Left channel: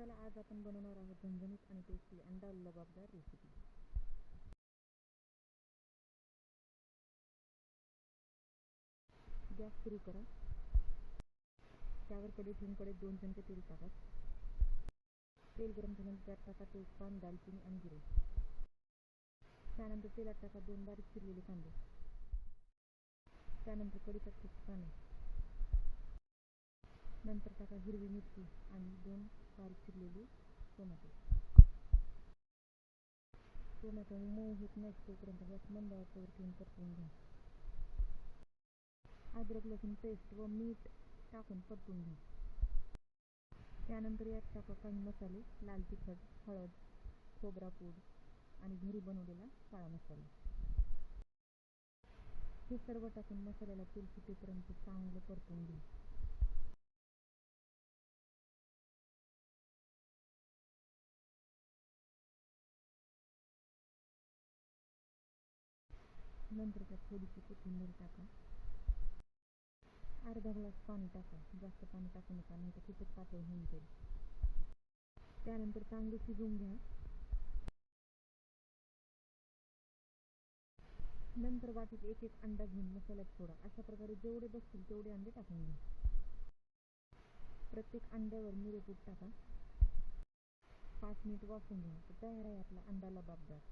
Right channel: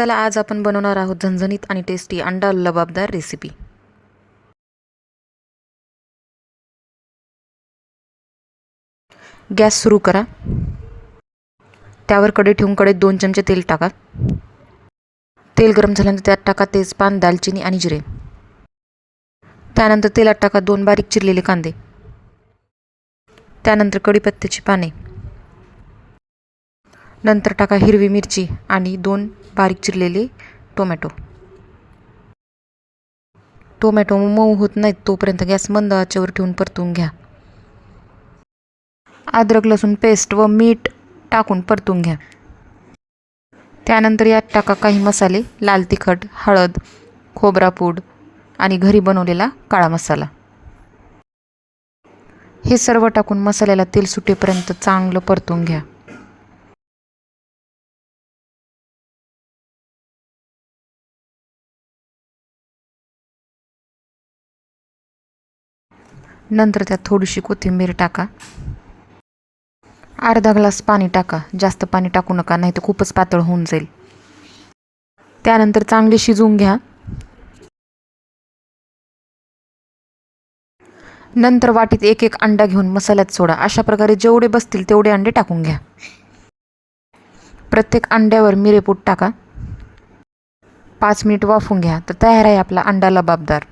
चला आज आपण बनवणार आहोत झणझणीत आणि टेस्टी अंडा लबाबदार रेसिपी। गॅस सुरू करा। त्यावर कढई ठेवून कढईत 2 चमचे तेल टाका। तेल गरम झाल्यानंतर त्यात टाका तेजपान, दालचिनी आणि जिरे। त्यानंतर तेलात टाका 2 बारीक चिरलेले कांदे। त्यानंतर कढीपत्त्याची पाने। नंतर टाका हिरवी मिरची आणि 2 बारीक चिरलेले टोमॅटो। टोमॅटो मऊ होत नाहीत तोपर्यंत गॅस मंद आचेवर ठेवून परतून घ्या। अद्रक लसूण पेस्ट व मीठ टाकून परतून घ्या। त्यानंतर यात टाका काही मसाले, लाल तिखट, हळद, खोबरा पूड आणि घरी बनवलेला काळा मसाला। हे सर्व टाकून मसाल्याला तेल सुटेपर्यंत चांगलं परतून घ्या। नंतर त्यात थोडीशी कोथिंबीर टाका। अर्धा ग्लास पाणी टाका, जास्त पाणी टाकू नका नाहीतर खूपच पातळ होऊन जाईल। त्यानंतर चांगले शिजवून घ्या। नंतर वाटीत एक एक अंडा घेऊन मसाल्यात सोडा। अशा प्रकारे जेवढे बसतील तेवढे अंडे टाकून घ्या। प्रत्येक अंड्यावर मिरेपूड टाका। 5 मिनिट वाफवून घ्या तर तयार आहे आपला अंडा लबाबदार।